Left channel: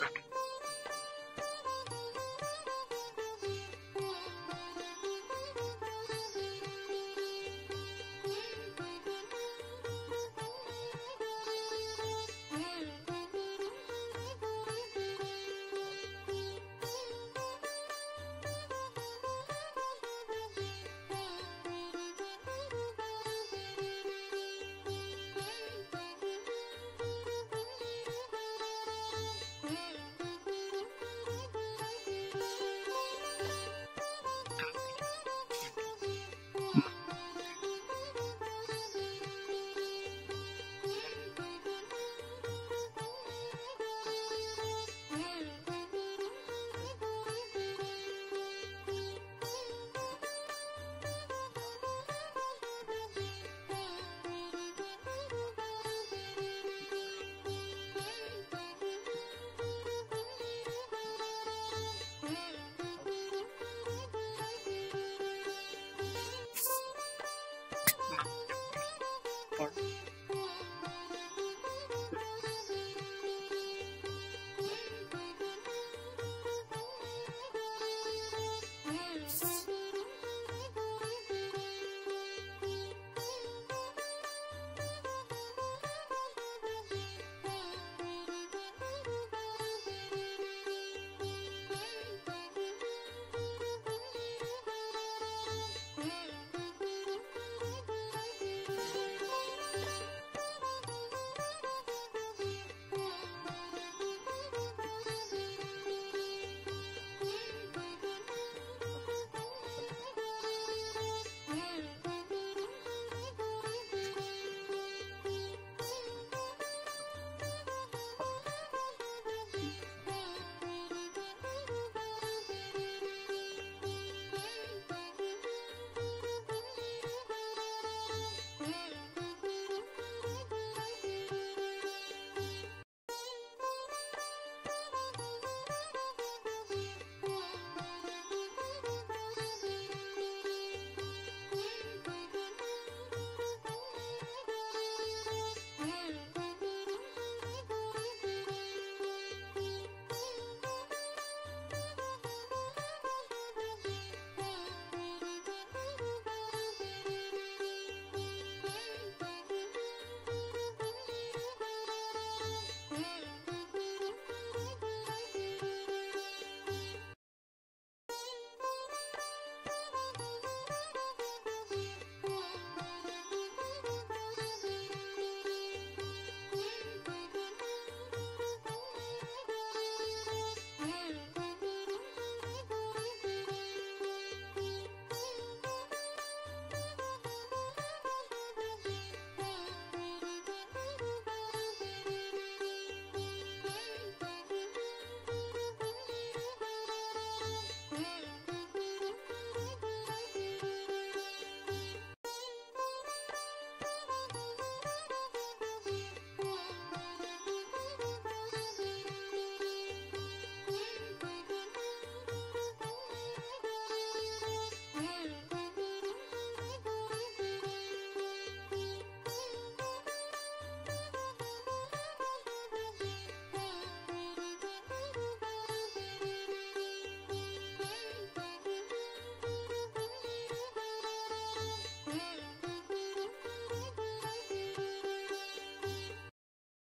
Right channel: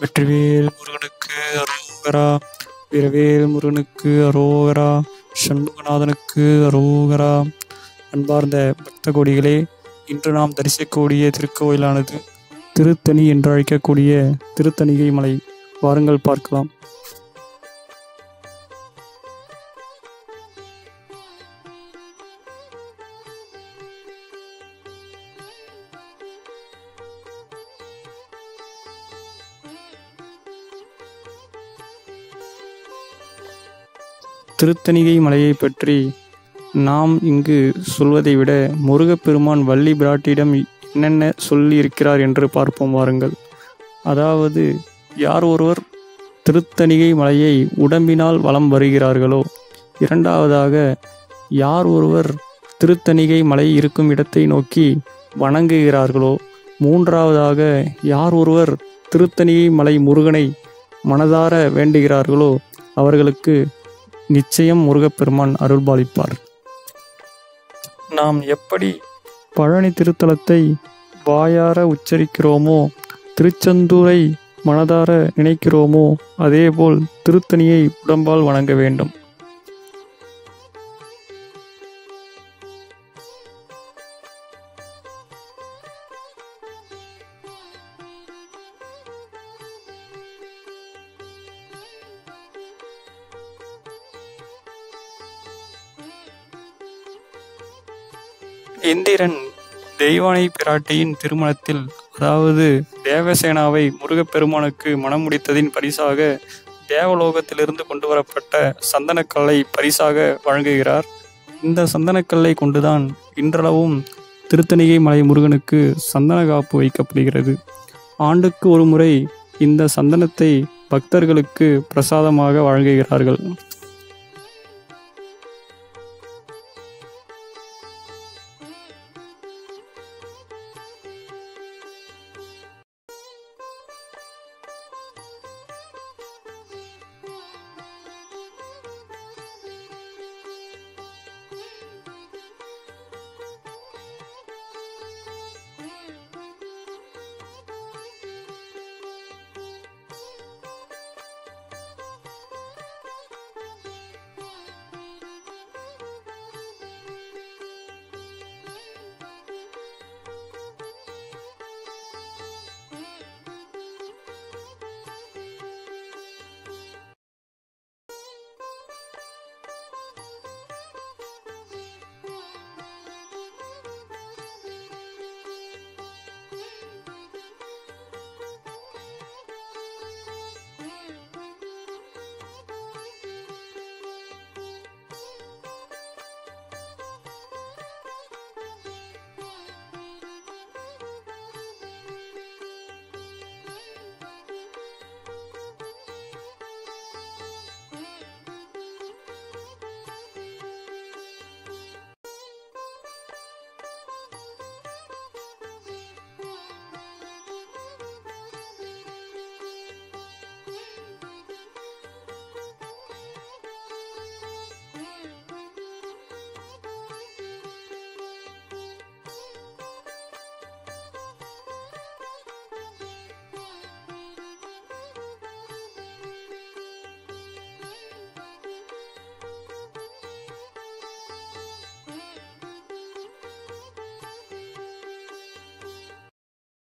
வெற்றிவேல் முருகனுக்கு அரோகரா. வீரவேல் முருகனுக்கு அரோகரா. சண்முகநாதனுக்கு அரோகரா. அன்பார்ந்த பக்த கோடிகளே, இன்று நாம் தரிசிக்கக்கூடிய திருக்கோயிலானது திருத்தணி என்று அழைக்கக்கூடிய திருத்தணிகை மலை. வாருங்கள் பார்க்கலாம். திருத்தணிகை மலையை பற்றி நாம் இங்கு சொல்வதை விட முருகப்பெருமான் வள்ளி பிராட்டியிடம் என்னென்ன சொல்லி இருக்கிறார் என்று பார்ப்போம் வாருங்கள். அதாவது, யார் ஒருவர் திருத்தணிகை மலையை உடம்பினால் வலம் வருகிறார்களோ, இரண்டாவதாக யார் ஒருவர் திருத்தணிகை மலை இருக்கும் இடத்தை நோக்கி வணங்குகிறார்களோ, மூன்றாவதாக யார் ஒருவர் திருத்தணிகை மலை முருகனை மனதார வேண்டுகிறார்களோ அவர்களுக்கு நிச்சயம் முருகப்பெருமான் அருள்பாலிப்பார். நாம் எப்படி பழனி திருத்தலத்தை வாயார உச்சரிக்கிறோமோ, திருச்செந்தூரை மனதார நினைக்கிறோமோ, அதேபோல் திருத்தணியை உடம்பால் வணங்க வேண்டும். இந்திரன் தெய்வானை பிராட்டியின் திருமணத்தில், அதாவது தேவசேனாவை முருகப்பெருமானுக்கு மணம் முடித்ததின் பரிசாக தேவலோகத்திலிருந்து கொண்டு வரப்பட்ட சந்தனக்கல்லை பரிசாக வழங்குகிறார். இந்த சந்தனக்கல்லை கொண்டுதான் இன்றளவும் திருத்தணிகை மலை முருகனுக்கு சந்தன காப்பு வைக்கப்படுகிறது. ஆண்டுக்கு ஒரு முறை இந்த சந்தனத்தை பக்தர்களுக்கு பிரசாதமாக வழங்குகிறார்கள்.